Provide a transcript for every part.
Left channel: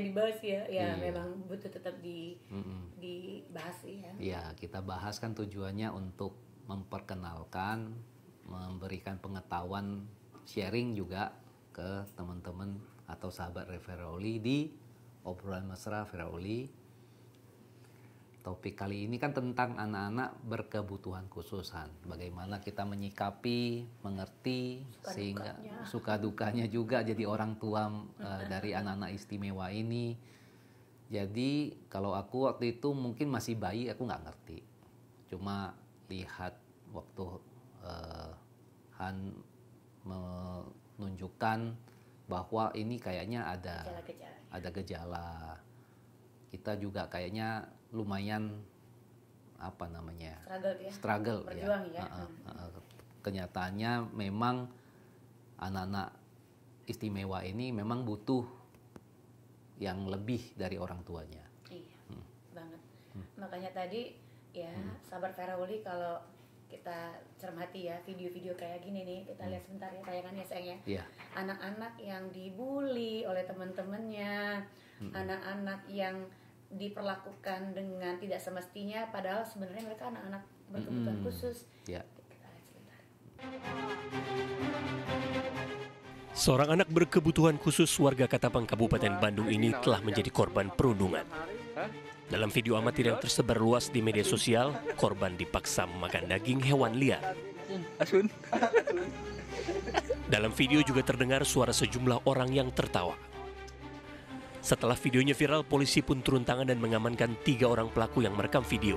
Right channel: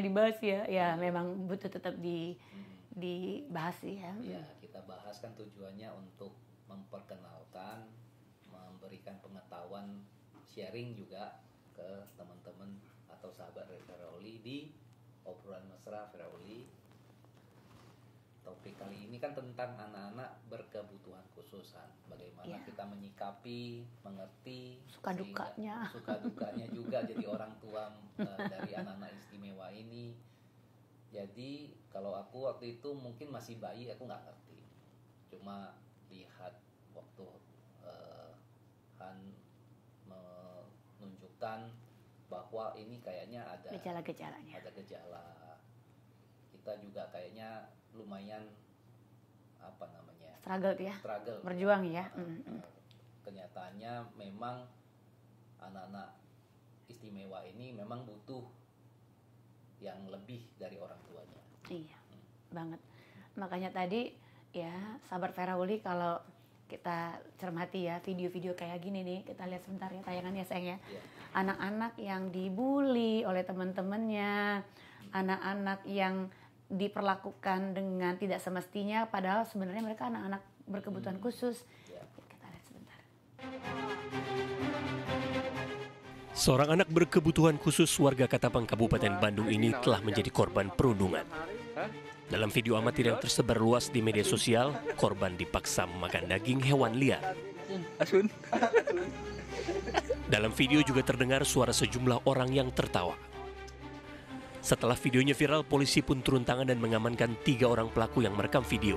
dibahas ya. Ya Iya. memang butuh tetap dibahas ya. Ya, kita bahas kan tujuannya untuk memperkenalkan, memberikan pengetahuan, sharing juga ke teman-teman atau sahabat Firauli di obrolan mesra Firauli. Topik kali ini kan tentang anak-anak berkebutuhan khususan. Bagaimana kita menyikapi, mengerti, suka dukanya juga jadi orang tua dari anak-anak istimewa ini. Jadi kalau aku waktu itu mungkin masih bayi, aku nggak ngerti. Cuma lihat waktu Han menunjukkan bahwa ini kayaknya ada gejala. Kita juga kayaknya lumayan struggle berjuang ya. Kenyataannya memang anak-anak istimewa ini memang butuh yang lebih dari orang tuanya. Iya, banget. Makanya tadi ya sahabat Firauli, kalau kita cermati ya video-video kayak gini nih, kita lihat sebentar ya tayangannya sayang ya. Anak-anak yang dibully oleh teman-temannya, anak-anak yang diperlakukan dengan tidak semestinya, padahal sebenarnya mereka anak-anak berkebutuhan khusus. Kita lihat sebentar. Seorang anak berkebutuhan khusus warga Katapang, Kabupaten Bandung ini telah menjadi korban perundungan. Dalam video amatir yang tersebar luas di media sosial, korban dipaksa memakan daging hewan liar. Dalam video juga terdengar suara sejumlah orang yang tertawa. Setelah videonya viral, polisi pun turun tangan dan mengamankan 3 orang pelaku yang merekam video.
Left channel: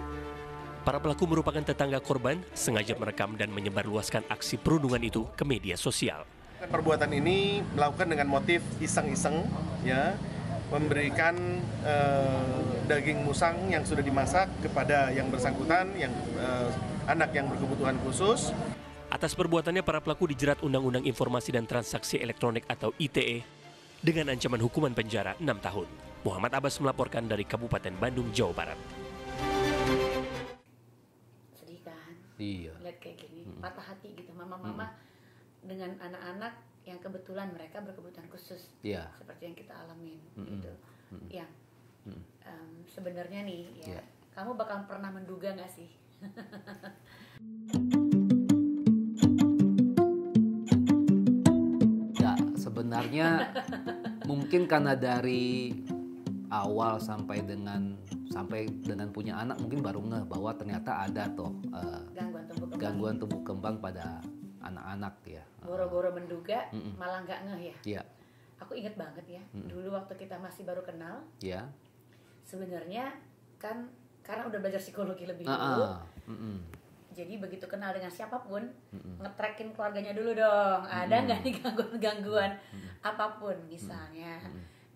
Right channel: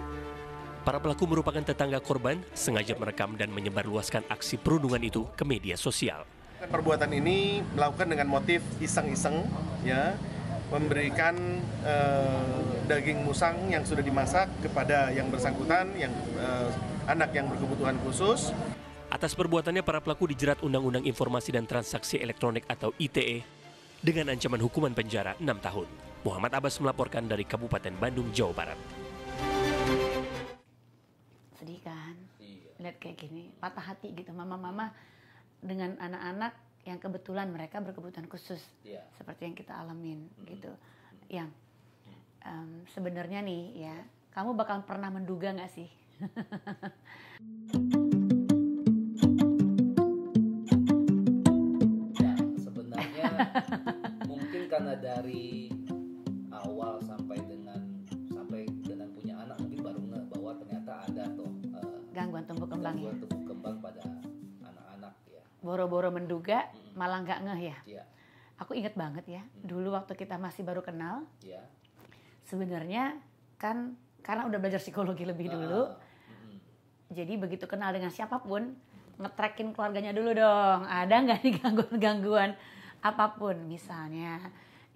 Para pelaku merupakan tetangga korban, sengaja merekam dan menyebarluaskan aksi perundungan itu ke media sosial. Perbuatan ini melakukan dengan motif iseng-iseng, ya, memberikan daging musang yang sudah dimasak kepada yang bersangkutan, yang anak yang berkebutuhan khusus. Atas perbuatannya, para pelaku dijerat Undang-Undang Informasi dan Transaksi Elektronik atau ITE dengan ancaman hukuman penjara 6 tahun. Muhammad Abbas melaporkan dari Kabupaten Bandung, Jawa Barat. Sedih kan? Iya. Lihat kayak gini, patah hati gitu mama-mama dengan anak-anak yang kebetulan mereka berkebutuhan khusus, seperti yang kita alamin gitu. Yang sebenarnya nih ya, kamu bakal pernah menduga nggak sih? Sebenarnya mungkin karena dari awal sampai dengan punya anak mungkin baru ngeh bahwa ternyata ada tuh gangguan tumbuh kembang pada anak-anak ya. Boro-boro menduga malah nggak ngeh ya. Iya. Aku inget banget ya, dulu waktu kita masih baru kenal. Iya. Sebenarnya kan karena udah belajar psikologi lebih dulu. Jadi begitu kenal dengan siapapun, nge-trackin keluarganya dulu dong. Ada nggak nih gangguan-gangguan apapun, misalnya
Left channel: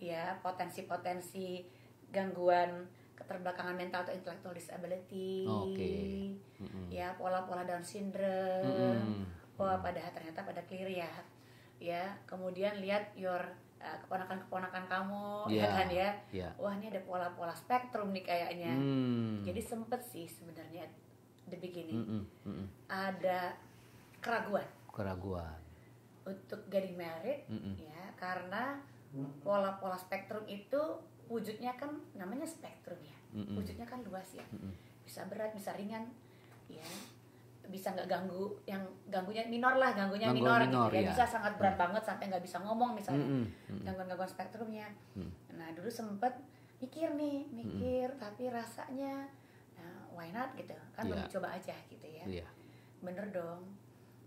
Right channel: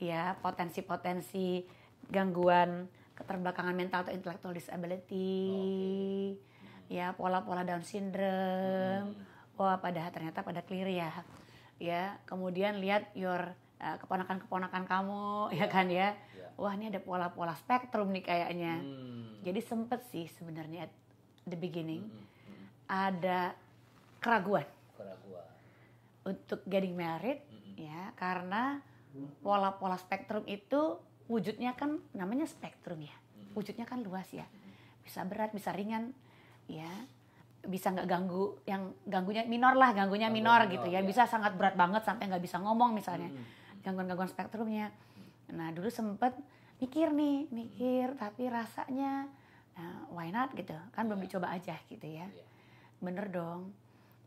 ya potensi-potensi gangguan keterbelakangan mental atau intellectual disability, ya pola-pola Down syndrome. Wah, ternyata pada clear ya. Ya, kemudian lihat keponakan-keponakan kamu, ya kan ya. Wah, ini ada pola-pola spektrum nih kayaknya. Jadi sempet sih sebenarnya the beginning ada keraguan untuk getting married, ya, karena pola-pola spektrum itu wujudnya kan namanya spektrum ya, wujudnya kan luas ya, bisa berat, bisa ringan, ya, bisa nggak ganggu, yang ganggunya minor gitu ya, bisa sangat berat banget sampai nggak bisa ngomong misalnya, gangguan-gangguan spektrumnya. Nah dulu sempet mikir tapi rasanya why not gitu kan, belum dicoba aja gitu ya. Bener dong,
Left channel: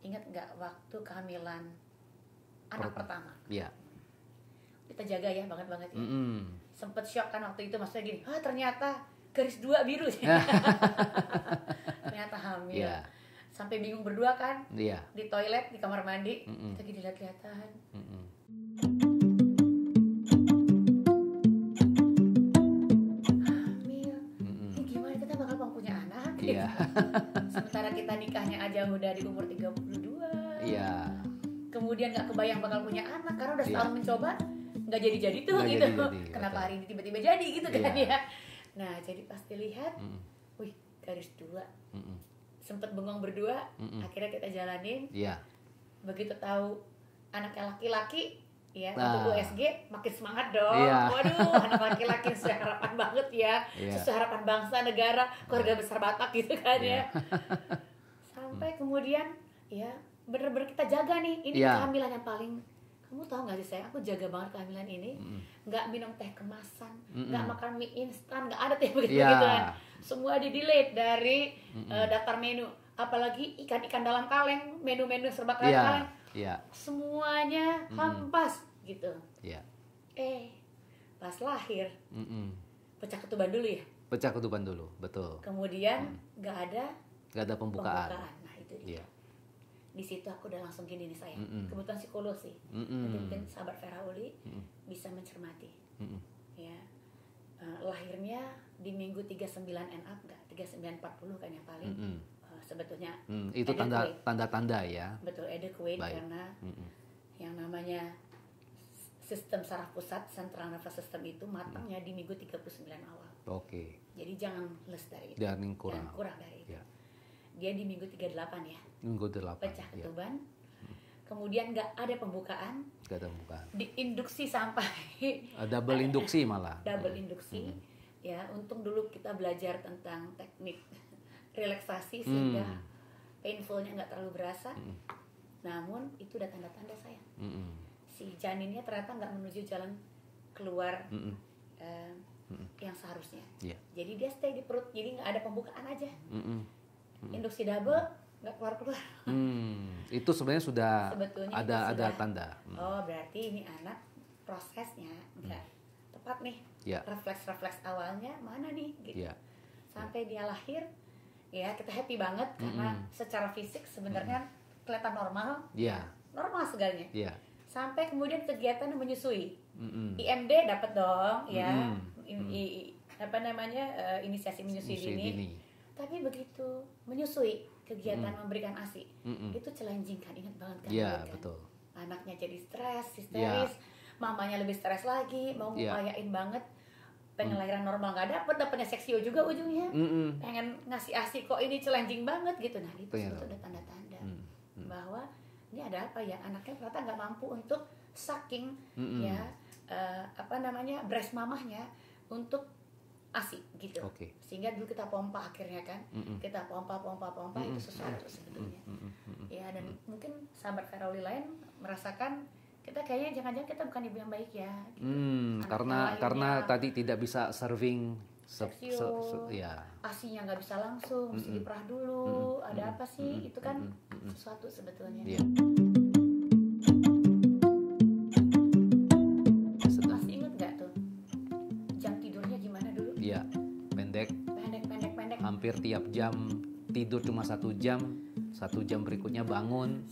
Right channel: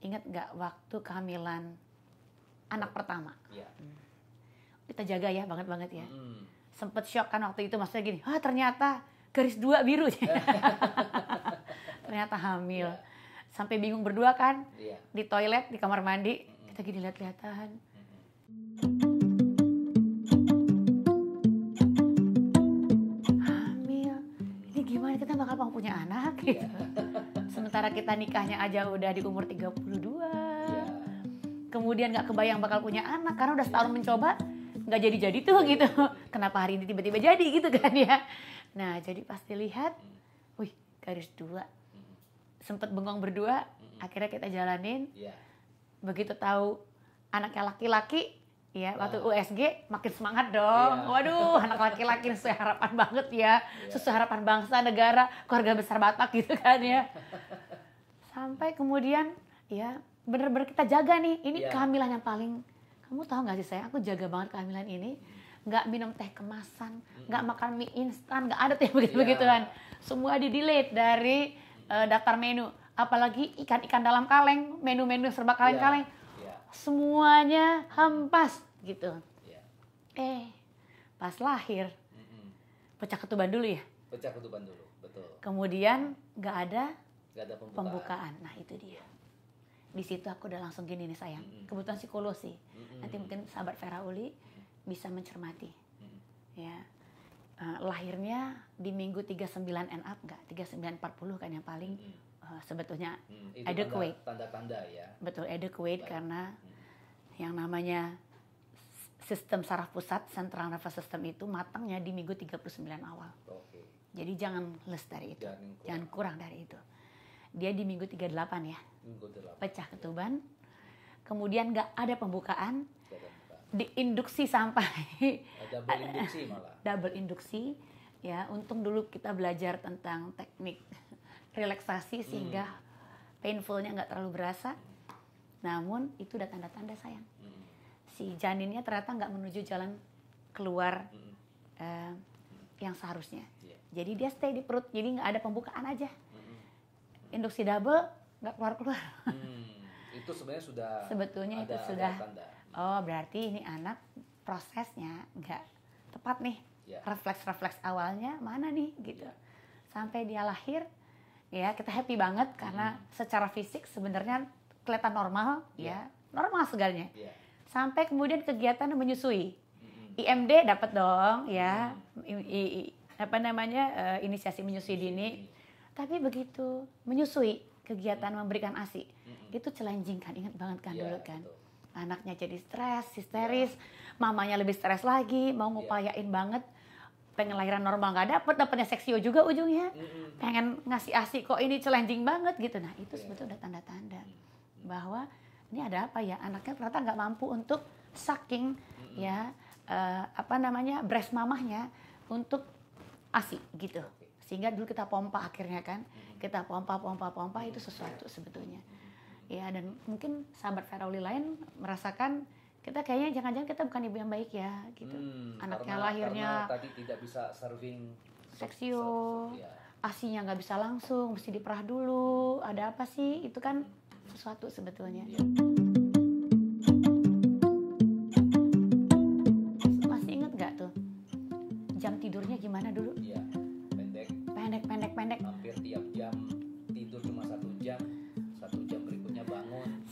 ingat nggak waktu kehamilan anak pertama? Kita jaga ya banget ya. Sempet shock kan waktu itu, maksudnya gini, ternyata garis 2 biru ternyata hamil. Sampai bingung berdua kan, di toilet, di kamar mandi, kita gini lihat-lihatan. Hamil, ini gimana kita bakal mau punya anak? Sementara kita nikahnya aja udah di umur 32. Kemudian gak kebayang bakal punya anak, karena udah setahun mencoba, gak jadi-jadi tuh gitu. Kenapa hari ini tiba-tiba jadi gitu kan ya. Nah jadi pas dilihat, wih garis 2. Sempet bengong berdua, akhirnya kita jalanin. Begitu tahu anaknya laki-laki, Ya, Nah. waktu USG makin semangat dong. Iya. Waduh, anak laki-laki sesuai harapan banget ya. Iya. Sesuai harapan bangsa, negara, keluarga besar Batak gitu kan Iya. ya. Sampai kemudian ya bener-bener kita jaga nih. Ini Iya. kehamilan yang paling, kamu tahu nggak sih saya, aku jaga banget kehamilan ini. Nggak minum teh kemasan, nggak makan mie instan, nggak ada teh begitu-begituan. Semua di-delete dari daftar menu. Apalagi ikan-ikan dalam kaleng, menu-menu serba kaleng-kaleng. Iya. Semuanya hampas gitu. Iya. Pas lahir pecah ketuban dulu ya. Pecah ketuban dulu, betul. Kemudian nggak ada Gak ada pembukaan. Nah itu dia. Iya. Di situ aku udah langsung gini nih sayang. Kebetulan psikolog sih. Nanti mungkin sahabat Vera Uli bisa mencermati. Ya. Lahirnya di minggu 39 and up nggak? 39-40 kan yang paling sebetulnya Itu adequate. tanda-tanda ya. Betul, adequate. Baik. Karena yang namanya sistem saraf pusat, central nervous system itu matangnya di minggu 39 awal. Oke. Jadi jangan less dari itu. Jangan kurang dari itu. Ya. Dia di minggu 38 ya. Minggu 8. Pecah Ya. ketuban. Kemudian nggak ada pembukaan. Gak ada pembukaan. Diinduksi sampai Double induksi malah. double induksi. Ya, untung dulu kita belajar tentang teknik relaksasi sehingga painfulnya nggak terlalu berasa. Namun itu udah tanda-tanda sayang. Si janinnya ternyata nggak menuju jalan keluar yang seharusnya. Iya. Jadi dia stay di perut. Jadi nggak ada pembukaan aja. Induksi double nggak keluar-keluar. Itu sebenarnya sudah Sebetulnya ada itu sudah. tanda. Oh, berarti ini anak prosesnya nggak tepat nih. Ya. Refleks-refleks awalnya mana nih gitu. Ya. Sampai dia lahir, ya kita happy banget karena secara fisik sebenarnya kelihatan normal, Ya. ya normal segalanya. Iya. Sampai kemudian kegiatan menyusui. IMD dapat dong, ya. Apa namanya inisiasi menyusui dini. Tapi begitu menyusui, kegiatan memberikan ASI, itu challenging kan, ingat banget kan, Iya, dulu kan. betul. Anaknya jadi stres, histeris, mamanya lebih stres lagi, mau ngupayain banget, pengen lahiran normal nggak dapetnya seksio juga ujungnya, pengen ngasih ASI kok ini challenging banget gitu. Nah itu sebetulnya tanda-tanda bahwa ini ada apa ya, anaknya ternyata nggak mampu untuk sucking ya apa namanya breast mamahnya untuk ASI gitu. Oke. Sehingga dulu kita pompa akhirnya kan, kita pompa itu sesuatu sebetulnya. Ya dan mungkin sahabat Vera Uli lain merasakan kita kayaknya jangan-jangan kita bukan ibu yang baik ya gitu. Anaknya Karena tadi tidak bisa serving seksio, ya. ASInya nggak bisa langsung, mesti diperah dulu. Ada apa sih? Itu kan sesuatu sebetulnya. Iya. Masih ingat nggak tuh jam tidurnya gimana dulu? Iya, pendek. Hampir tiap jam tidur cuma 1 jam, 1 jam berikutnya bangun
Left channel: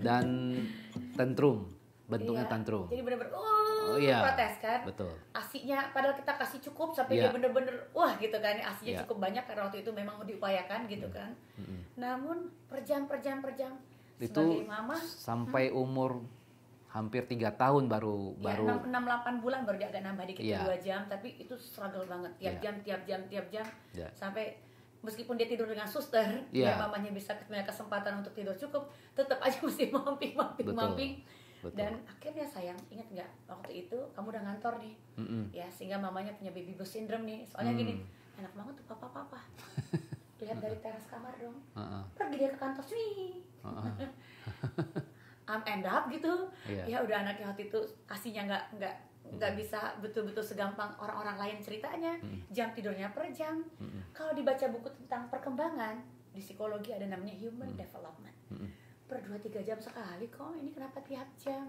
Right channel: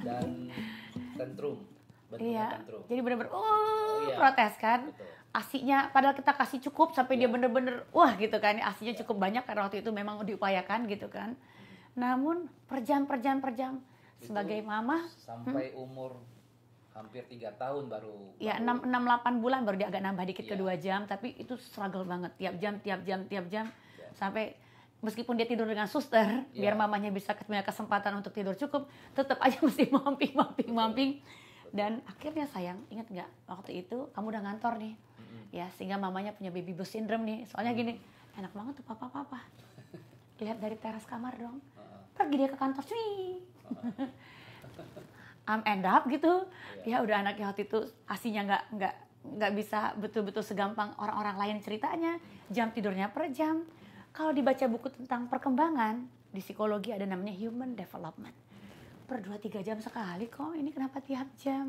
dan tantrum, bentuknya Iya. tantrum. Jadi bener-bener iya. protes kan. Betul. ASInya padahal kita kasih cukup sampai dia Iya. bener-bener wah gitu kan. ASInya Iya. cukup banyak karena waktu itu memang diupayakan gitu kan. Namun per jam Itu sebagai mama sampai umur hampir 3 tahun baru ya 6-8 bulan baru dia agak nambah dikit ke Iya. 2 jam, tapi itu struggle banget tiap jam Iya. sampai meskipun dia tidur dengan suster Iya. biar mamanya bisa punya kesempatan untuk tidur cukup, tetap aja mesti mamping. Betul. Dan akhirnya sayang, ingat nggak waktu itu kamu udah ngantor nih, ya sehingga mamanya punya baby blues syndrome nih, soalnya gini, enak banget tuh papa, lihat dari teras kamar dong, pergi dia ke kantor sih, end up gitu, Iya. ya udah anaknya waktu itu ASInya nggak bisa betul-betul segampang orang-orang lain ceritanya, jam tidurnya per jam. Kalau dibaca buku tentang perkembangan di psikologi ada namanya human development. Per 2-3 jam sekali kok, ini kenapa tiap jam?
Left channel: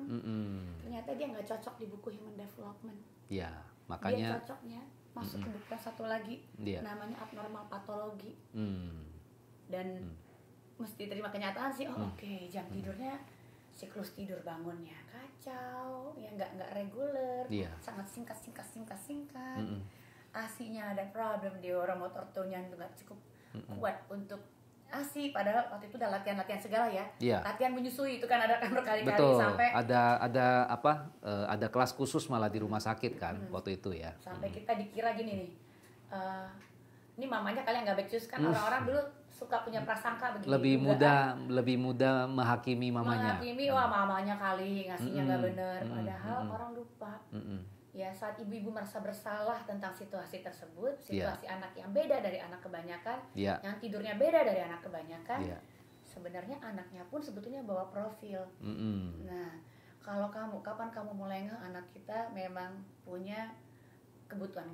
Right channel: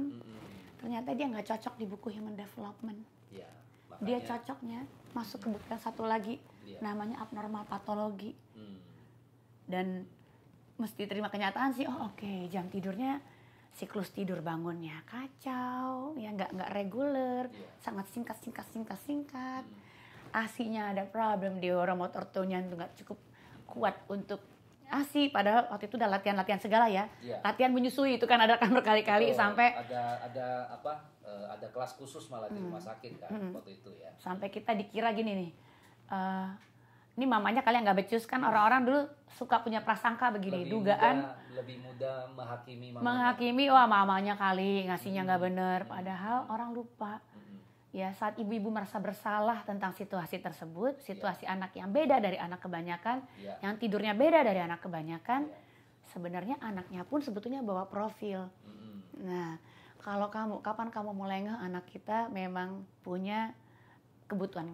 Ternyata dia nggak cocok di buku human development. Ya, Dia makanya cocoknya masuk ke buku yang satu lagi, Iya. namanya abnormal patologi. mm, Dan mesti terima kenyataan sih, oke, jam tidurnya, siklus tidur bangunnya kacau, ya nggak reguler, Iya. sangat singkat. ASInya ada problem, neuromotor tone-nya nggak cukup kuat untuk ASI, padahal waktu itu udah latihan segala ya. Iya. Latihan menyusui itu kan ada kan berkali-kali betul. sampai ada kelas khusus malah di rumah sakit kan waktu itu ya. sampai kita dikira gini nih, ini mamanya kali yang nggak becus kan, orang-orang dulu suka punya prasangka begini, lebih mudah menghakimi mamanya. Menghakimi, wah mamanya kali ngasihnya nggak bener, padahal orang lupa. Ya, saat ibu-ibu merasa bersalah tentang situasi tersebut, situasi anak yang beda dari anak kebanyakan, yang tidurnya beda dari anak kebanyakan, sebenarnya anaknya pun sebetulnya bawa profil. Nah, kalau kapan kamu mulai ngeh anak kita memang punya kebutuhan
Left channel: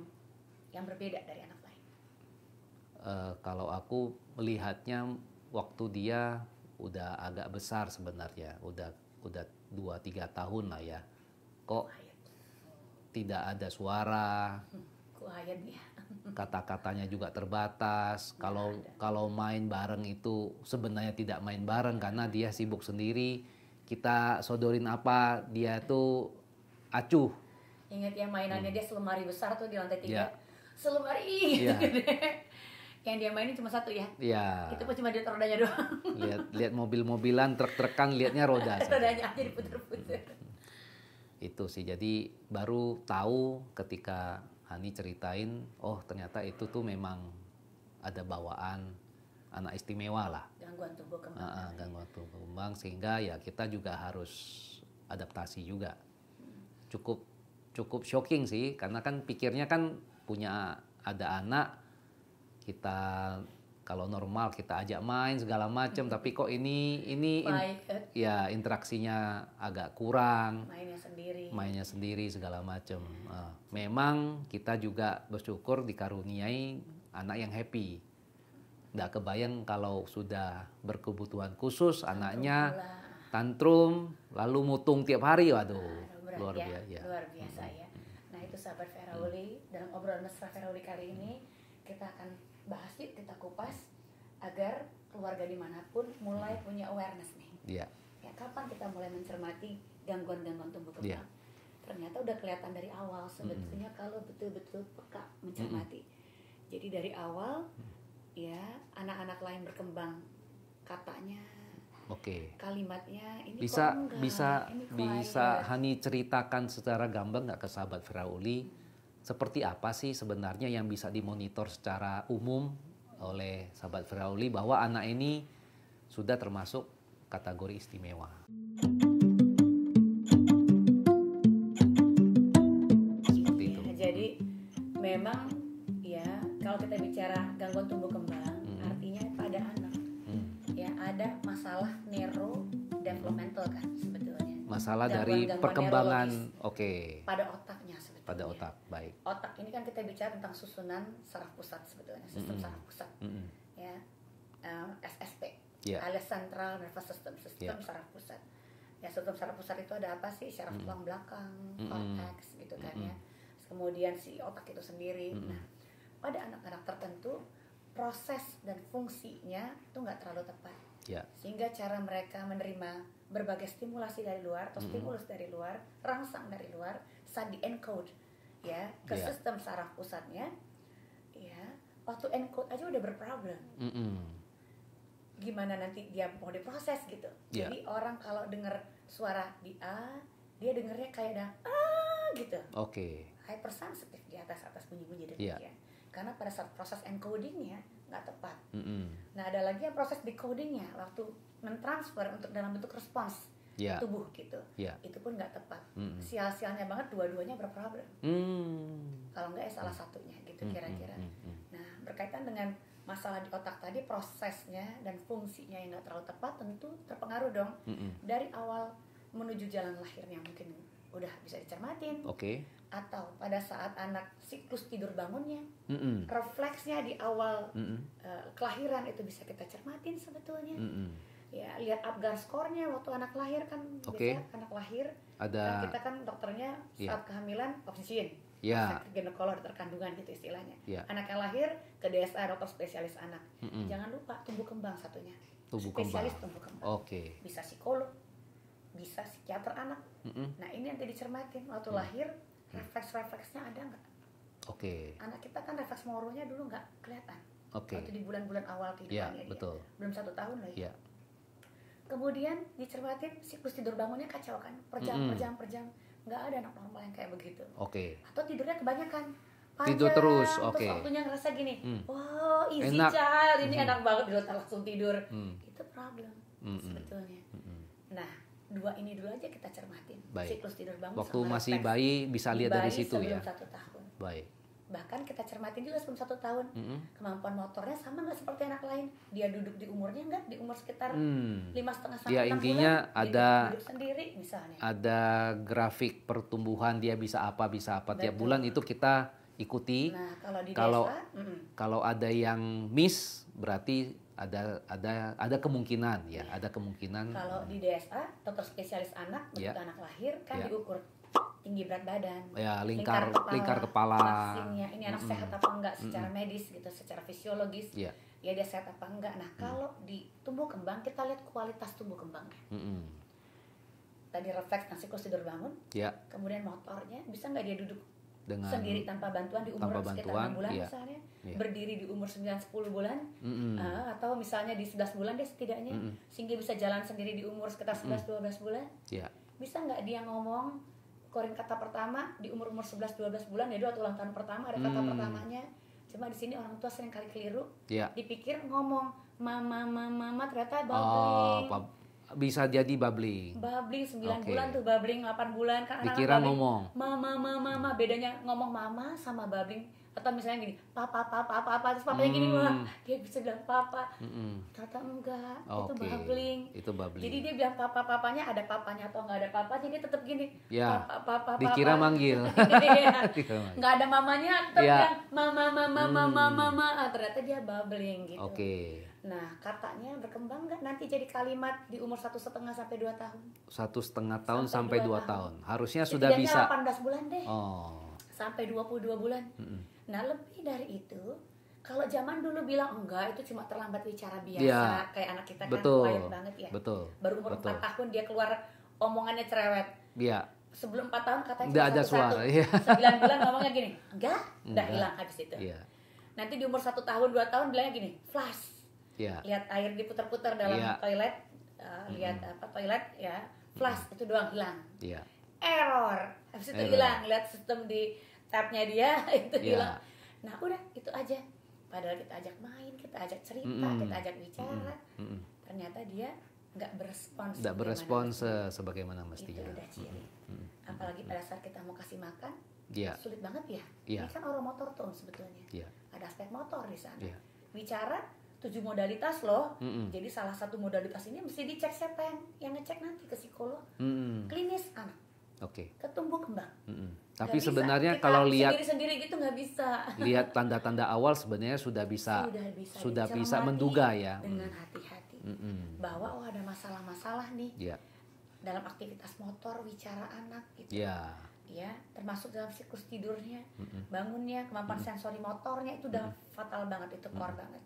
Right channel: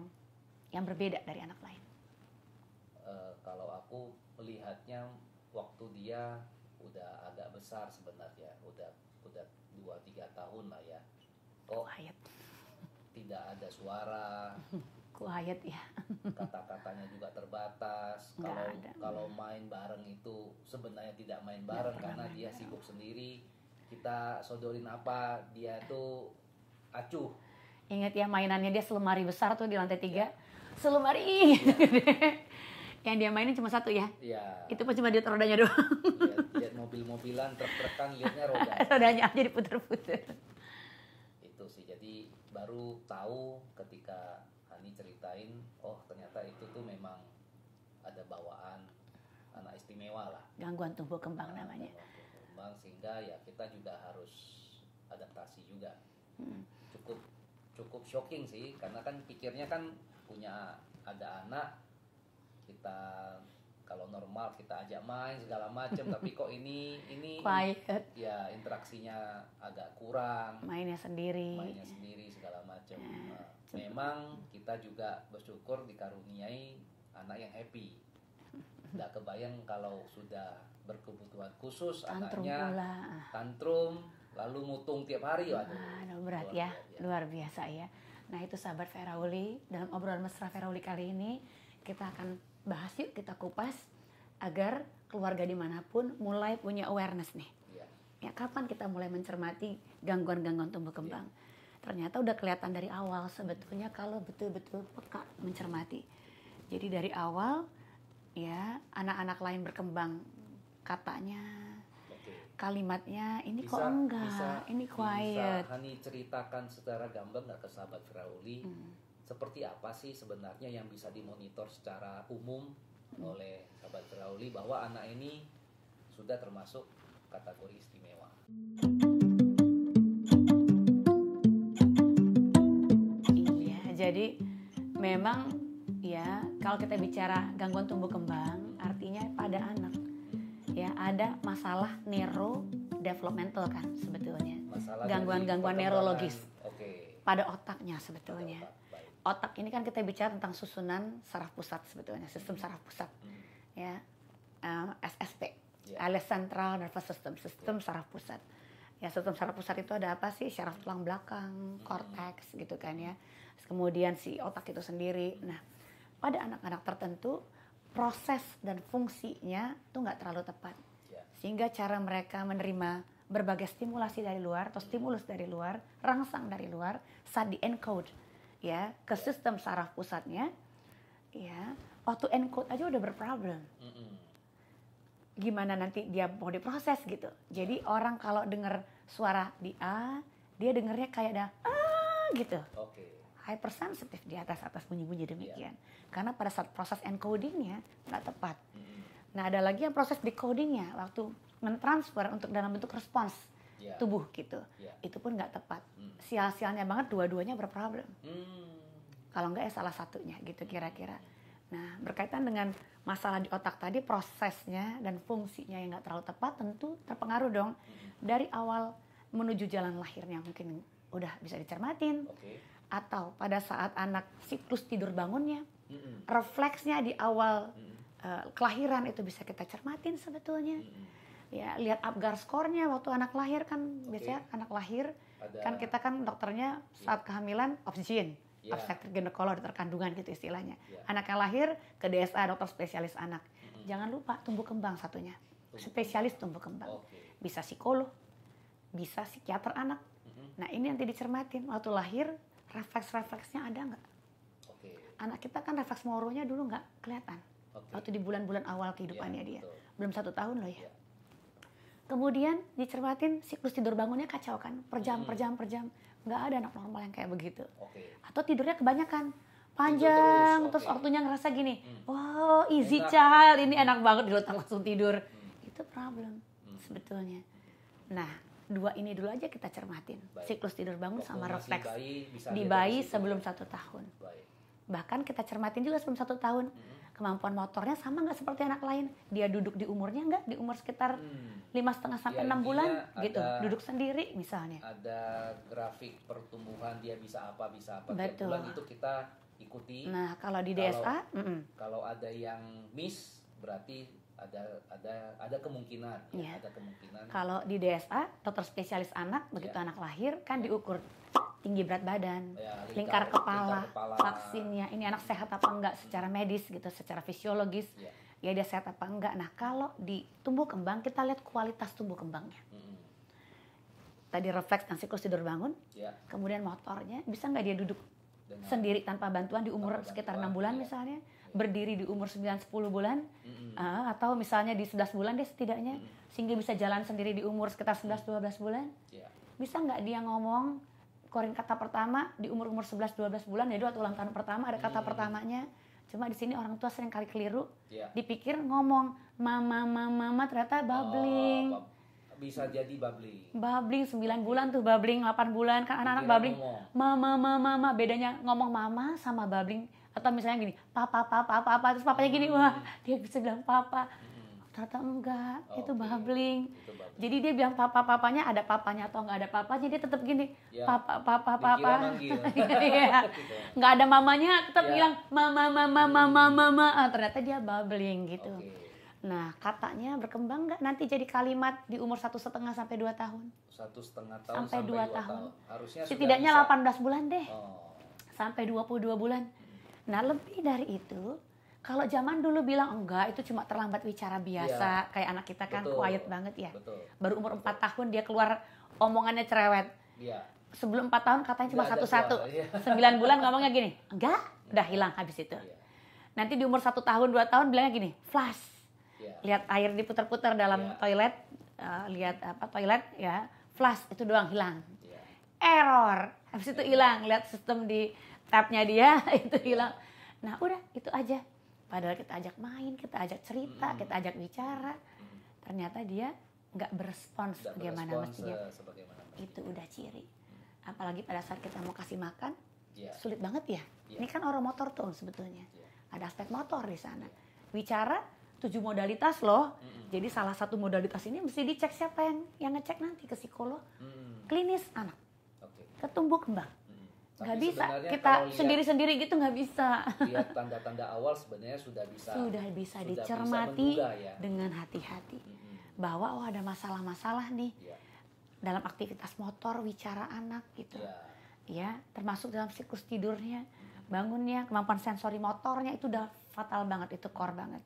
yang berbeda dari anak lain? Kalau aku melihatnya waktu dia udah agak besar sebenarnya, udah 2-3 tahun lah ya. Kok tidak ada suara, quiet ya. kata-katanya juga terbatas. Kalau main bareng itu sebenarnya tidak main bareng karena dia sibuk sendiri. Kita sodorin apa, dia tuh acuh. Ingat ya, mainannya dia selemari besar tuh di lantai 3. Selemari yang dia mainin cuma satu ya. Itu pun cuma lihat rodanya doang. Lihat mobil-mobilan, truk-trukan, lihatnya roda. Rodanya aja diputer-puter. Itu sih, jadi baru tahu ketika Hani ceritain, oh ternyata itu tuh memang ada bawaan anak istimewa lah. Gangguan tumbuh kembang namanya. Gangguan tumbuh kembang, sehingga ya kita juga harus adaptasi juga. Cukup shocking sih, karena kan pikirnya kan ada anak, kita kalau normal kita ajak main segala macam, tapi kok ini ya interaksinya agak kurang. Mainnya sendiri segala macam. Memang kita juga bersyukur dikaruniai anak yang happy. Nggak kebayang kalau sudah berkebutuhan khusus, anaknya tantrum lalu mutung tiap hari, waduh. Luar biasa ya. Nah, itu sahabat Ferauli, dalam obrolan mesra Ferauli kali ini kita akan bahas yuk, kita kupas agar keluarga dimanapun mulai punya awareness nih. Ya, kapan kita mulai mencermati gangguan-gangguan tumbuh kembang? Ternyata udah kelihatan dari awal sebetulnya kalau betul-betul peka mencermati. Jadi dari awal ya anak-anak lain berkembang, katanya, kalimatnya ini bisa, kok enggak, ini quiet. Bisa Hani ceritakan secara gamblang nggak ke sahabat Ferauli? Seperti apa sih sebenarnya yang bisa dimonitor secara umum oleh sahabat Ferauli bahwa anak ini sudah termasuk kategori istimewa? Jadi memang ya kalau kita bicara gangguan tumbuh kembang, artinya pada anak ya ada masalah neurodevelopmental kan sebetulnya. Masalah dari perkembangan pada otaknya sebetulnya. Pada otak, baik. Otak ini kan kita bicara tentang susunan saraf pusat sebetulnya, sistem saraf pusat. Ya, SSP, alias Central Nervous System, sistem saraf pusat. Ya, sistem saraf pusat itu ada apa sih? Syaraf tulang belakang, korteks gitu kan ya. Kemudian si otak itu sendiri. Nah, pada anak-anak tertentu proses dan fungsinya itu nggak terlalu tepat. Sehingga cara mereka menerima berbagai stimulasi dari luar atau stimulus dari luar, rangsang dari luar, saat di encode ya ke sistem saraf pusatnya, ya waktu encode aja udah berproblem. Gimana nanti dia mau diproses gitu. Jadi orang kalau dengar suara di A, dia dengarnya kayak ada gitu. Hypersensitif di atas bunyi-bunyi demikian. Karena pada saat proses encodingnya nggak tepat. Nah, ada lagi yang proses decodingnya waktu mentransfer untuk dalam bentuk respons tubuh gitu. Itu pun nggak tepat. Sial-sialnya banget dua-duanya berproblem. Kalau nggak ya salah satunya gitu kira-kira. Nah, berkaitan dengan masalah di otak tadi, prosesnya dan fungsinya yang nggak terlalu tepat tentu terpengaruh dong dari awal menuju jalan lahirnya mungkin udah bisa dicermatin. Atau pada saat anak siklus tidur bangunnya, refleksnya di awal kelahiran itu bisa kita cermatin sebetulnya. Ya, lihat Apgar skornya waktu anak lahir kan, biasanya anak lahir kan kita kan dokternya saat kehamilan obstetrik, ginekolog, dokter kandungan gitu istilahnya. Anaknya lahir ke DSA, dokter spesialis anak. Jangan lupa tumbuh kembang satunya, spesialis tumbuh kembang. Bisa psikolog, bisa psikiater anak. Nah, ini nanti dicermatin waktu lahir, refleks-refleksnya ada nggak? Anak kita kan refleks moronya dulu nggak kelihatan. Waktu di bulan-bulan awal kehidupannya dia. Belum 1 tahun loh ya. Kemudian dicermatin siklus tidur bangunnya kacau kan, per jam. Nggak ada anak normal yang kayak begitu. Atau tidurnya kebanyakan, panjang, terus, terus oke. waktunya ngerasa gini, wow easy Enak. child, ini enak banget di otak langsung tidur. Itu problem sebetulnya. Nah, 2 ini dulu aja kita cermatin. Baik. Siklus tidur bangun Waktu sama masih refleks. bayi bisa Di lihat dari bayi situ sebelum ya. 1 tahun. Baik. Bahkan kita cermatin juga sebelum 1 tahun. Kemampuan motornya sama nggak seperti anak lain? Dia duduk di umurnya nggak? Di umur sekitar 5,5 sampai Ya, 6 intinya bulan. Gitu. ada- Duduk sendiri misalnya. Ada grafik pertumbuhan dia bisa apa tiap Betul. bulan itu kita ikuti. Nah, kalau di Kalau- DSA, Kalau ada yang miss berarti ada kemungkinan ya, Iya. ada kemungkinan. kalau di DSA, dokter spesialis anak, begitu Ya. anak lahir kan Ya. diukur tinggi berat badan, Ya, lingkar lingkar kepala. vaksinnya, ini anak sehat apa enggak secara medis gitu, secara fisiologis, Ya. ya dia sehat apa enggak. Nah, kalau di tumbuh kembang kita lihat kualitas tumbuh kembangnya. Tadi refleks dan siklus tidur bangun, Ya, kemudian motornya bisa nggak dia duduk dengan sendiri tanpa bantuan di umur tanpa sekitar bantuan, 6 bulan iya. misalnya, Iya. berdiri di umur 9-10 bulan, atau misalnya di 11 bulan dia setidaknya sehingga bisa jalan sendiri di umur sekitar 11-12 bulan. ya. Bisa nggak dia ngomong keluarin kata pertama di umur 11-12 bulan, jadi waktu ulang tahun pertama ada kata pertamanya. Cuma di sini orang tua sering kali keliru, Ya. dipikir ngomong mama ternyata babbling. Bisa jadi babbling. Babbling 9 Oke. bulan tuh, babbling 8 bulan kan anak-anak Dikira babbling. ngomong. Mama, bedanya ngomong mama sama babbling. Atau misalnya gini, papa, terus papanya gini, wah dia bisa bilang papa. Ternyata enggak, itu Oke, babbling. itu babbling. Jadi dia bilang papanya, ada papanya atau enggak ada papanya, dia tetap gini, Ya, papa. dikira manggil. Iya. Nggak ada mamanya, tetap Ya. bilang mama. Ternyata dia babbling gitu. Oke. Nah, katanya berkembang nggak nanti jadi kalimat di umur 1,5 sampai 2 tahun? 1,5 tahun Sampai sampai 2 2 tahun. Harusnya sudah Setidaknya bisa. 18 bulan deh, Oh. sampai 22 bulan. Nah, lebih dari itu, kalau zaman dulu bilang enggak, itu cuma terlambat bicara biasa, Ya. kayak anak kita kan Betul. quiet banget ya. Betul. Baru umur Betul. 4 tahun dia keluar omongannya cerewet. Iya. Sebelum 4 tahun katanya Nggak cuma ada satu-satu. suara, iya. 9 bulan ngomongnya gini, enggak, udah Enggak. hilang habis itu. Iya. Nanti di umur 1 tahun, 2 tahun bilangnya gini, flash. Iya. Lihat air diputar-putar dalam Iya. toilet, lihat toilet ya, flash itu doang hilang. Iya. Error, habis itu Error. hilang. Lihat sistem di tabnya dia itu Iya. hilang. Nah udah itu aja. Padahal kita ajak main, kita ajak cerita, kita ajak bicara, ternyata dia nggak berespons. Tidak sebagaimana berespon mestinya. sebagaimana Itu mestinya. udah ciri. Apalagi pada saat kita mau kasih makan, Iya. sulit banget ya. Iya. Ini kan orang motor tone sebetulnya. Iya. Ada aspek motor di sana. Iya. Bicara 7 modalitas loh. Jadi salah satu modalitas ini mesti dicek siapa yang ngecek nanti, ke psikolog, klinis anak, Oke. ke tumbuh kembang. Tapi Nggak bisa. sebenarnya Kita kalau lihat sendiri-sendiri gitu nggak bisa. lihat tanda-tanda awal sebenarnya sudah bisa Sudah bisa dicermati menduga ya. dengan hati-hati bahwa ada masalah-masalah nih Iya. dalam aktivitas motor, bicara anak gitu. Iya. Ya, termasuk dalam siklus tidurnya, bangunnya, kemampuan sensori motornya itu udah fatal banget, itu core banget.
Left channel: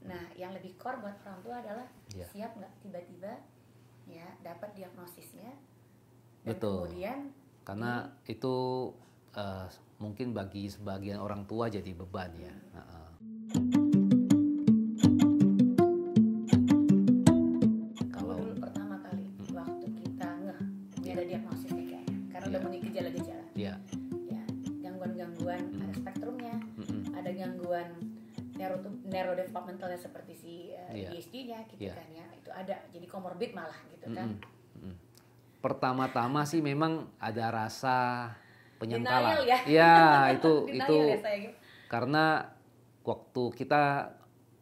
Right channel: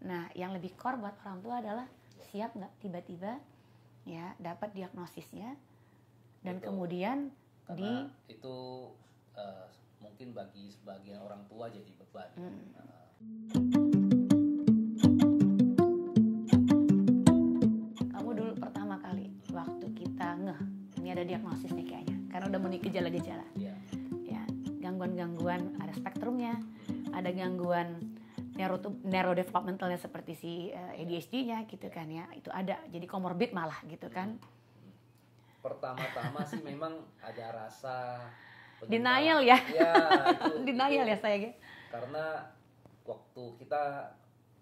Nah, yang lebih core buat orang tua adalah Ya. siap nggak tiba-tiba ya dapat diagnosisnya dan Betul. kemudian Karena itu mungkin bagi sebagian orang tua jadi beban ya. kamu dulu pertama kali waktu kita ngeh ini ada diagnosis nih kayaknya, karena udah mulai gejala-gejala. Iya. Ya, gangguan-gangguan ada spektrumnya, ada gangguan neurodevelopmentalnya seperti si ADHD-nya gitu Iya. kan ya, itu ada, jadi komorbid malah gitu kan. Pertama-tama sih memang ada rasa Denial penyentalan. ya. Iya, itu Denial itu ya saya gitu. karena waktu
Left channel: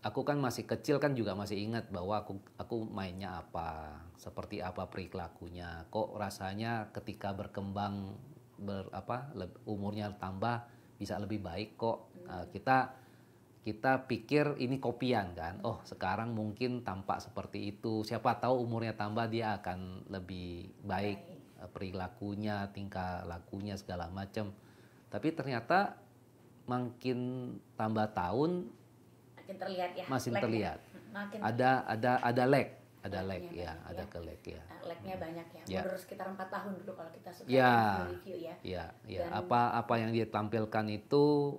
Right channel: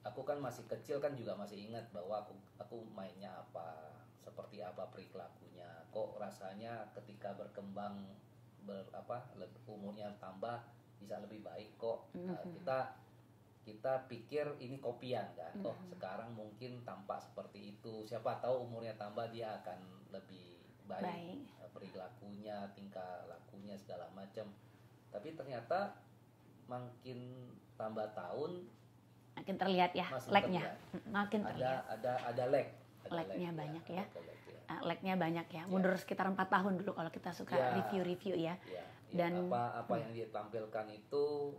aku kan masih kecil kan juga masih ingat bahwa aku mainnya apa, seperti apa perilakunya. Kok rasanya ketika berkembang umurnya tambah bisa lebih baik kok. Nah, kita pikir ini kopian kan. Oh, sekarang mungkin tampak seperti itu. Siapa tahu umurnya tambah dia akan lebih baik perilakunya, tingkah lakunya segala macam. Tapi ternyata makin tambah tahun Makin terlihat ya. masih lag-nya. terlihat. Makin ada lag, Lag-nya ya, banyak ada ya. ke lag ya. lag-nya banyak ya. Ya. Mundur sekitar 4 tahun dulu kalau kita suka Ya. review ya. Ya, Dan- apa yang dia tampilkan itu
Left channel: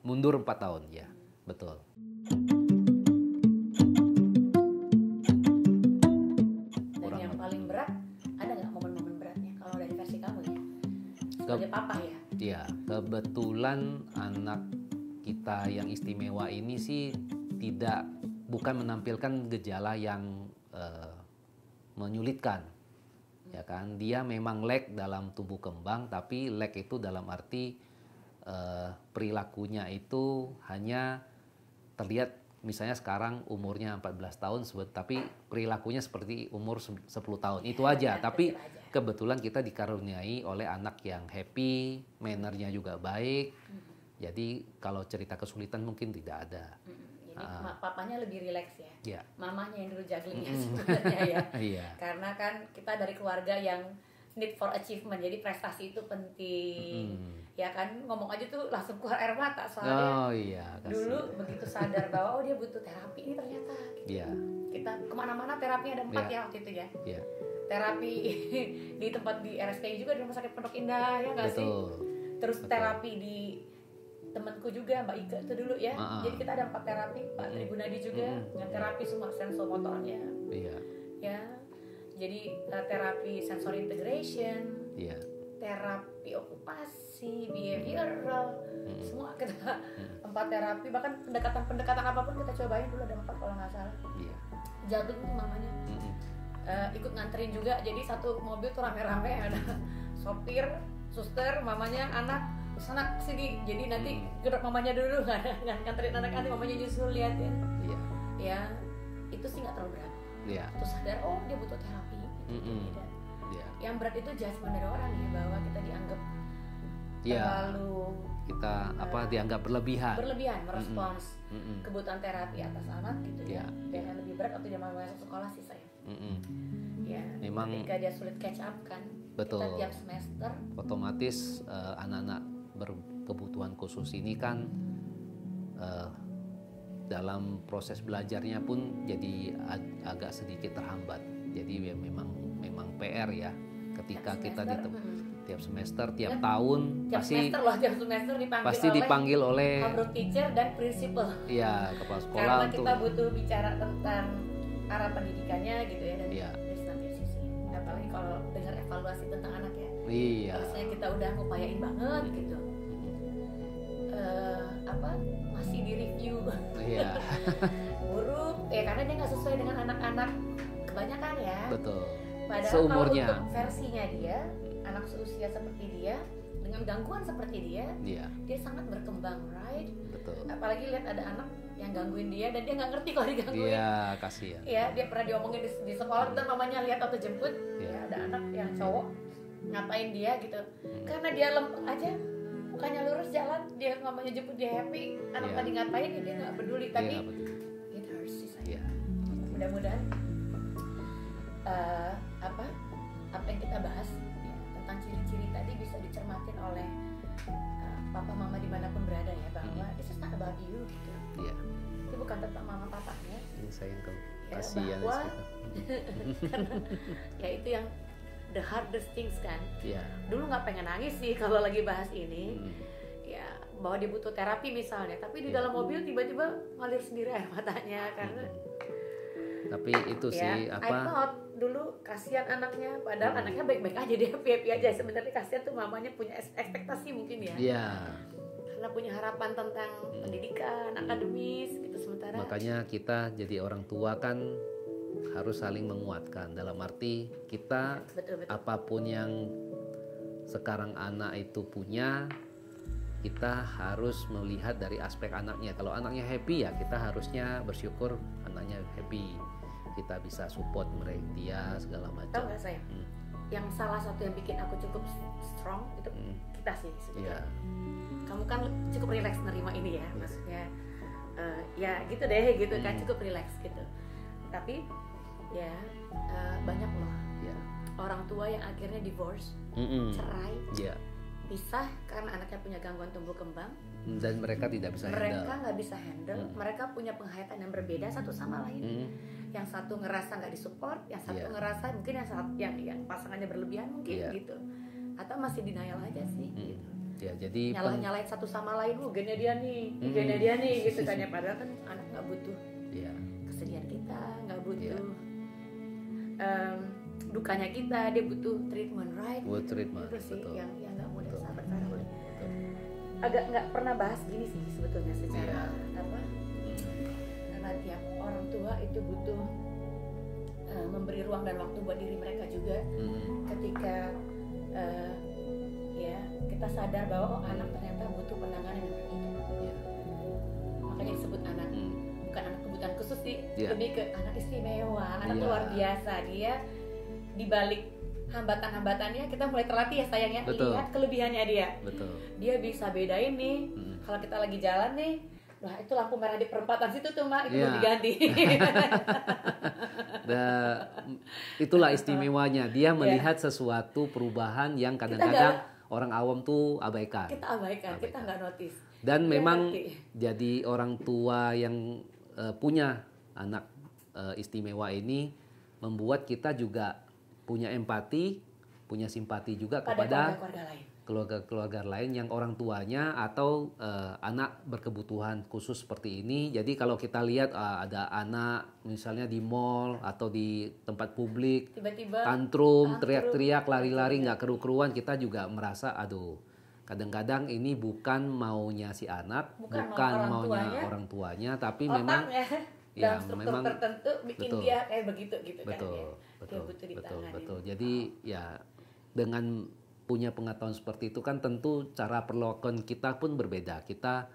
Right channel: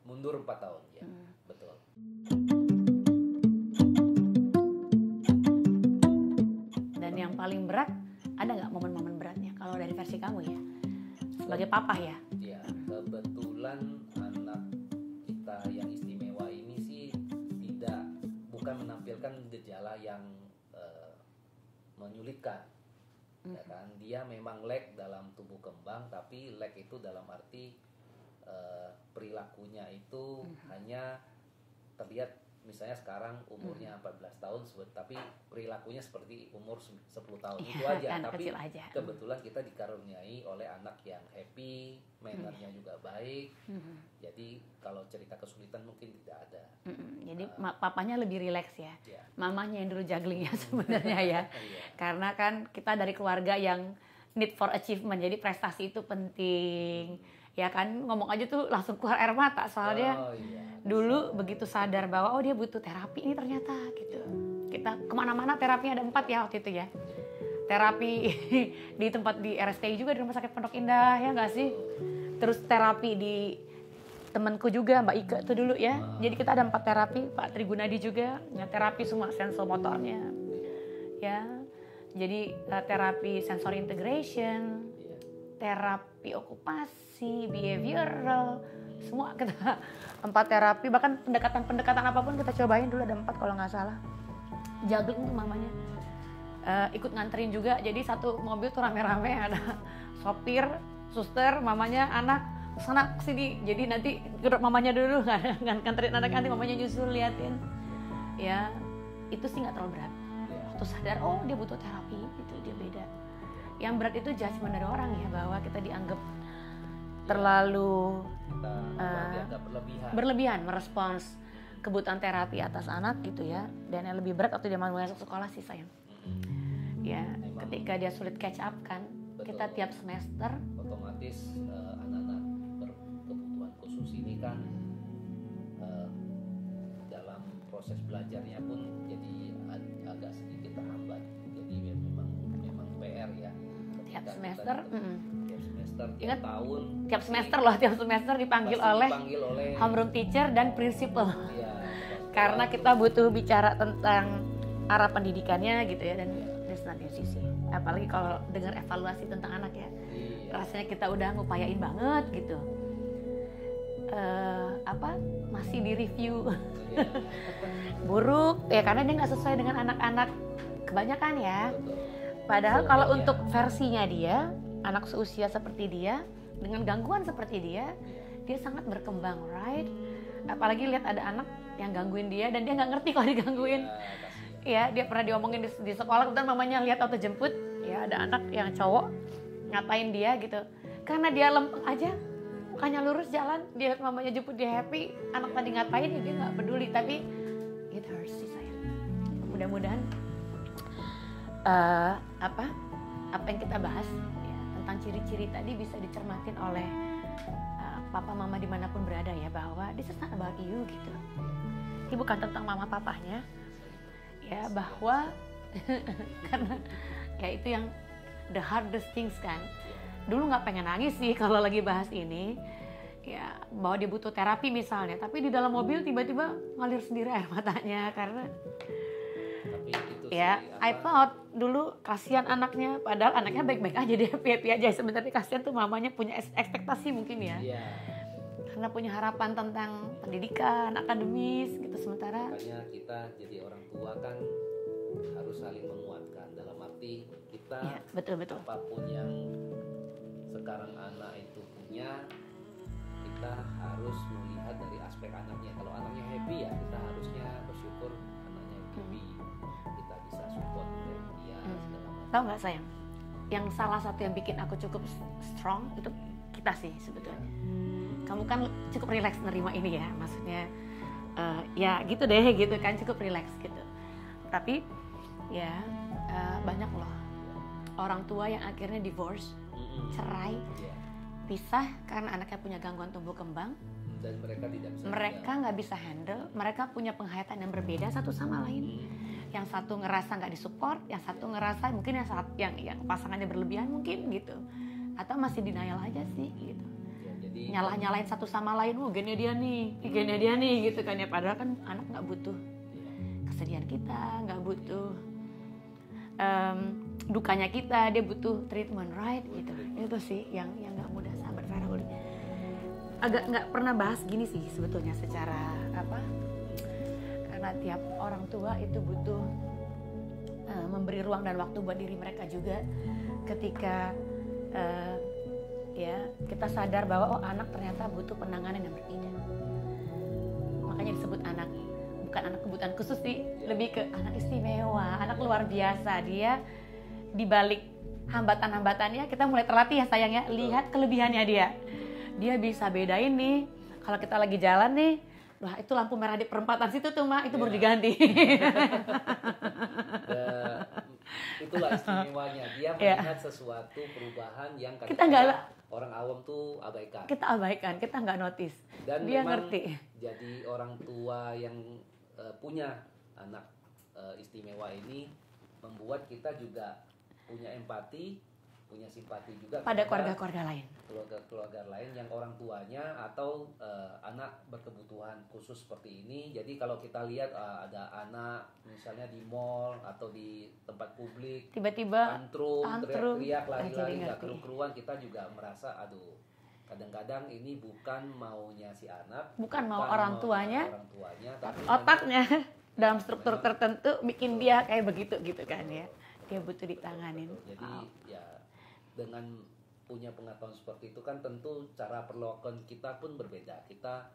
mundur 4 tahun ya. Betul. Dan yang paling berat, ada nggak momen-momen beratnya kalau dari versi kamu ya? Sebagai papa ya. Ya, kebetulan anak kita yang istimewa ini sih bukan menampilkan gejala yang menyulitkan, ya kan? Dia memang lag dalam tumbuh kembang, tapi lag itu dalam arti perilakunya itu hanya terlihat, misalnya sekarang umurnya 14 tahun, tapi perilakunya seperti umur 10 tahun. Ya, itu aja. Tapi aja. kebetulan kita dikaruniai oleh anak yang happy, mannernya juga baik. Jadi kalau cerita kesulitan mungkin tidak ada. Jadi papanya lebih rileks ya. Yeah. Mamahnya yang dulu juggling ya sebenarnya ya. Yeah. Karena kan kita dari keluarga yang need for achievement. Jadi prestasi itu penting. Ya kan, ngomong aja tuh langsung keluar air mata soalnya. Dulu begitu sadar bahwa dia butuh terapi ini ternyata gitu. Yeah. Kita kemana-mana terapinya ada 4 ya waktu itu ya. Yeah. Terapi di tempat di RSTI juga, di Rumah Sakit Pondok Indah ya nggak sih? Terus terapi di temanku juga, Mbak Ika tuh dulu ya. Jadi kita ada 4 terapi, Pak Trigunadi juga, ya, terapi semua sensomotornya. Yeah. Ya. Jadi terapi sensory integration, Yeah. terapi okupasi, behavioral, semua kita 4 terapi, bahkan pendekatan apapun kita cobain dulu, ada 4 kalau nggak salah. Juggling tuh mamanya. Ikut nganterin juga, jadi satu mobil tuh rame-rame, ada sopir, suster, mamanya, anak, sana sini. Jadi nanti duduk mamanya dulu, nganterin anak-anak, mamanya justru liatin. Ya, itu sih nggak terlalu berat. Terus sadar, dia butuh terapi, itu beda. Yang berat itu judgement dari orang ya, bahwa kita dianggap terlalu dianggap berlebihan merespons kebutuhan terapi atas anak gitu ya. Dan yang lebih berat waktu dia mau masuk sekolah sih sayang. Ya, memang ketika dia sulit catch up kan. Betul. Kita tiap semester otomatis anak-anak berkebutuhan khusus ini kan dalam proses belajarnya pun jadi agak sedikit terhambat. Jadi ya memang PR ya, ketika kita tiap semester, tiap tahun, tiap semester dipanggil oleh homeroom teacher dan principal. Iya, kepala sekolah. Karena kita butuh bicara tentang arah pendidikannya gitu ya, dan dari nanti sisi. Apalagi kalau dengar evaluasi tentang anak ya. Iya. Rasanya kita udah ngupayain banget gitu. Masih di review. Iya. Buruk ya, karena dia nggak sesuai dengan anak-anak kebanyakan ya. Betul. Padahal kalau untuk versinya dia, anak seusia seperti dia, dengan gangguan seperti dia sangat berkembang, right? Betul. Apalagi lihat ada anak yang gangguin dia dan dia nggak ngerti kalau digangguin. Iya, kasihan. Ya, dia pernah diomongin di sekolah, kemudian mamanya lihat waktu jemput, ya ada anak yang cowok ngatain dia gitu. Karena dia lempeng aja, bukannya lurus jalan, dia lihat mamanya jemput, dia happy. Anak tadi ngatain dia nggak peduli, tapi it hurts sih saya. Mudah-mudahan apa yang kita bahas ya, tentang ciri-ciri tadi bisa dicermatin oleh papa mama dimanapun berada ya, bahwa this is not about you gitu. Ini bukan tentang mama papanya ya, bahwa karena ya itu yang the hardest things kan. Dulu nggak pengen nangis sih kalau lagi bahas ini ya, bahwa dia butuh terapi misalnya, tapi di dalam mobil tiba-tiba ngalir sendiri air matanya karena tapi itu sih I thought dulu kasihan anaknya, padahal anaknya baik-baik aja, dia happy aja. Sebenarnya kasihan tuh mamanya punya ekspektasi mungkin ya. Karena punya harapan tentang pendidikan, akademis gitu, sementara makanya kita jadi orang tua kan harus saling menguatkan, dalam arti kita betul. Apapun yang sekarang anak itu punya, kita harus melihat dari aspek anaknya. Kalau anaknya happy ya kita harusnya bersyukur anaknya happy, kita bisa support dia segala macam. Tahu nggak sayang, yang salah satu yang bikin aku cukup strong itu kita sih sebetulnya. Kamu kan cukup relax nerima ini ya, maksudnya ya gitu deh gitu kan, cukup relax gitu. Tapi ya banyak loh orang tua yang akhirnya divorce, cerai, pisah karena anaknya punya gangguan tumbuh kembang dan mereka tidak bisa nggak bisa handle. Mereka punya penghayatan yang berbeda satu sama lain. Yang satu ngerasa nggak disupport, yang satu ngerasa mungkin yang pasangannya berlebihan mungkin gitu, atau masih denial aja sih gitu. Jadi nyalahin satu sama lain, gennya dia nih gitu kan ya, padahal kan anak nggak butuh kesedihan kita, nggak butuh dukanya kita, dia butuh treatment, right? Gitu. Itu sih yang nggak mudah, sahabat Farul. agak nggak pernah bahas gini sih sebetulnya secara apa, karena tiap orang tua itu butuh memberi ruang dan waktu buat diri mereka juga. Ketika ya kita sadar bahwa anak ternyata butuh penanganan yang berbeda, makanya disebut anak, bukan anak kebutuhan khusus sih, lebih ke anak istimewa, anak luar biasa. Dia dibalik hambatan-hambatannya kita mulai terlatih ya sayangnya. Lihat kelebihannya dia. Dia bisa bedain nih kalau kita lagi jalan nih, wah itu lampu merah di perempatan situ tuh Mak, itu baru diganti. Itulah istimewanya, dia melihat sesuatu perubahan yang kadang-kadang orang awam tuh abaikan. Kita abaikan, kita nggak notice. Dan dia memang jadi orang tua yang punya anak istimewa ini membuat kita juga punya empati, punya simpati juga pada kepada keluarga lain yang orang tuanya atau anak berkebutuhan khusus seperti ini. Jadi kalau kita lihat ada anak misalnya di mall atau di tempat publik tiba-tiba tantrum, teriak-teriak, lari-lari, nggak keru-keruan, kita juga merasa aduh, kadang-kadang ini bukan maunya si anak, bukan maunya orang tuanya, tapi otaknya memang dalam struktur tertentu bikin dia kayak begitu gitu kan ya. Dia butuh ditangani. Jadi ya dengan punya pengetahuan seperti itu kan tentu cara perlakuan kita pun berbeda. Kita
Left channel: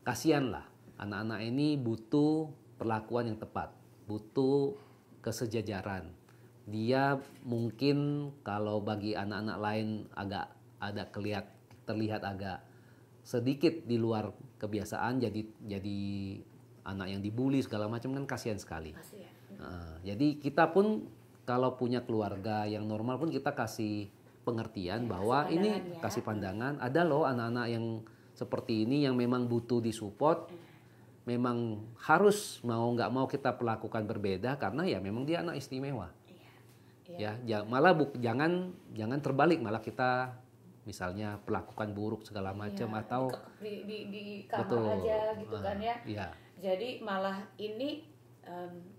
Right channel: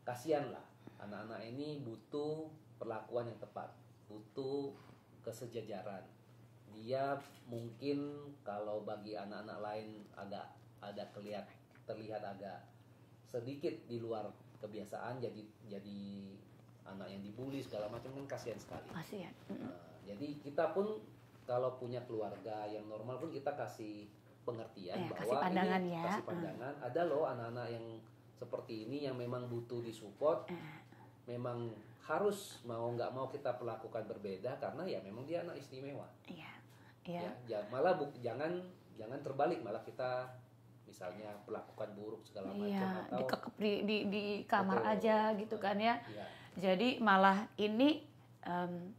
kasihan lah, anak-anak ini butuh perlakuan yang tepat, butuh kesejajaran. Dia mungkin kalau bagi anak-anak lain agak ada terlihat agak sedikit di luar kebiasaan, jadi anak yang dibully segala macam, kan kasihan sekali. Jadi kita pun kalau punya keluarga yang normal pun kita kasih pengertian bahwa ini kasih pandangan, ada loh anak-anak yang seperti ini yang memang butuh disupport, memang harus mau nggak mau kita perlakukan berbeda karena ya memang dia anak istimewa. Ya malah jangan terbalik, malah kita misalnya perlakukan buruk segala macam atau di kamar aja gitu kan ya. Jadi malah ini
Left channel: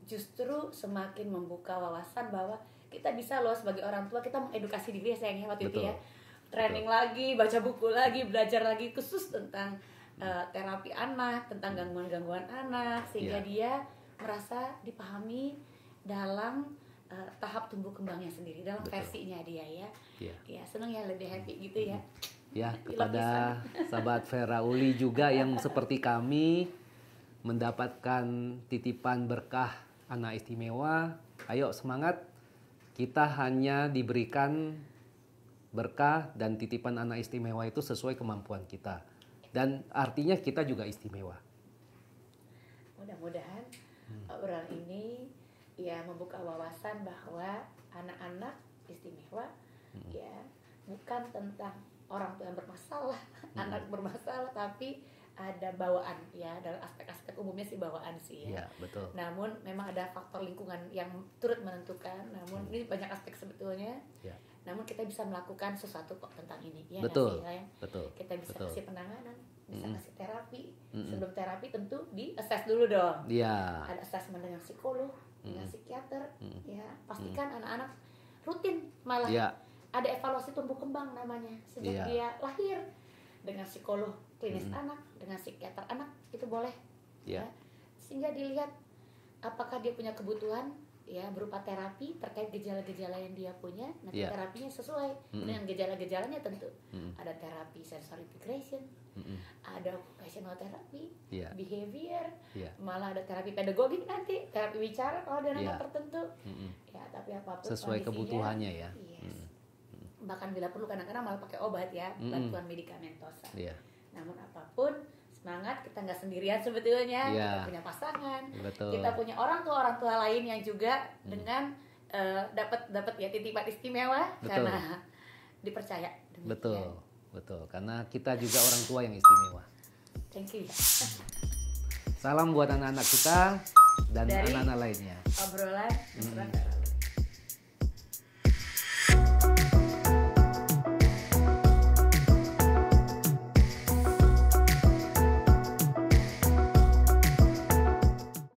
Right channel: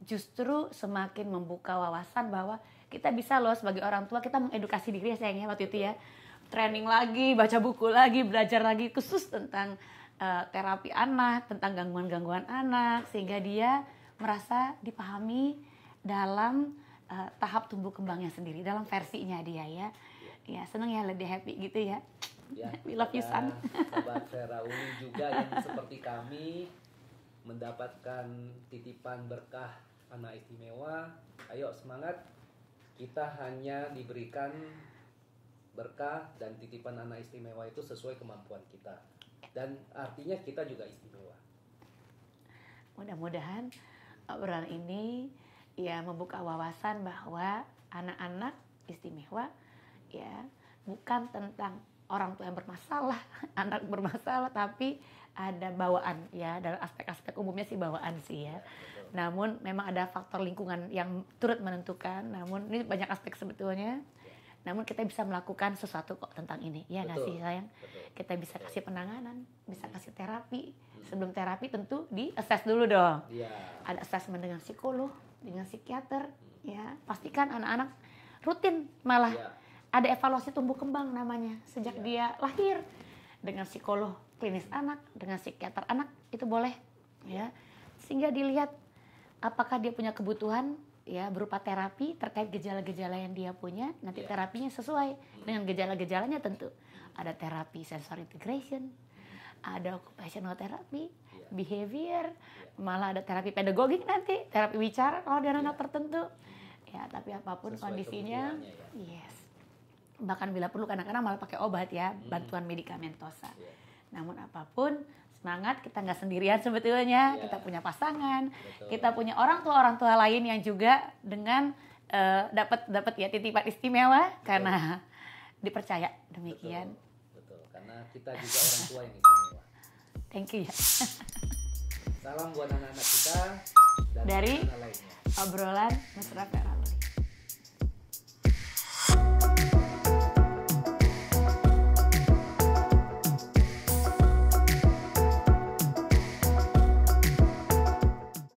justru semakin membuka wawasan bahwa kita bisa loh sebagai orang tua, kita mengedukasi diri sayangnya waktu itu ya. Training lagi, baca buku lagi, belajar lagi khusus tentang terapi anak, tentang gangguan-gangguan anak, sehingga dia merasa dipahami dalam tahap tumbuh kembangnya sendiri, dalam versinya dia ya. Ya seneng ya, lebih happy gitu ya. Ya, pada sahabat Vera Uli juga yang seperti kami mendapatkan titipan berkah anak istimewa, ayo semangat. Kita hanya diberikan berkah dan titipan anak istimewa itu sesuai kemampuan kita. Dan artinya kita juga istimewa. Mudah-mudahan obrolan ini ya membuka wawasan bahwa anak-anak istimewa ya bukan tentang orang tua yang bermasalah, anak bermasalah, tapi ada bawaan ya, dalam aspek-aspek umumnya sih bawaan sih ya. Betul. Namun memang ada faktor lingkungan yang turut menentukan. Namun ini banyak aspek sebetulnya. Namun kita bisa melakukan sesuatu kok tentang ini, ya nggak sih sayang? Kita bisa kasih penanganan, bisa kasih terapi. Sebelum terapi tentu di-assess dulu dong. Ada assessment dengan psikolog, dengan psikiater. Ya, pastikan anak-anak rutin malah ada evaluasi tumbuh kembang namanya sejak dia lahir. Dengan psikolog klinis anak, dengan psikiater anak itu boleh ya, sehingga dilihat apakah dia punya kebutuhan ya berupa terapi terkait gejala-gejala yang dia punya, nanti terapinya sesuai dengan gejala-gejalanya. Tentu ada terapi sensory integration, ada occupational therapy, behavior, malah ada terapi pedagogik, nanti terapi bicara kalau dia anak tertentu ya, tapi apapun sesuai kondisinya kebutuhannya ya. Bahkan bila perlu kadang-kadang malah pakai obat ya, bantuan medikamentosa. Namun apapun, semangat, kita nggak sendirian sebetulnya. Kita punya pasangan, kita punya orang tua lain yang juga dengan dapat ya titipan istimewa karena dipercaya demikian. Betul, karena kita juga orang tua yang istimewa. Thank you ya. Salam buat anak-anak kita dan anak-anak lainnya. Obrolan Mesra Vera.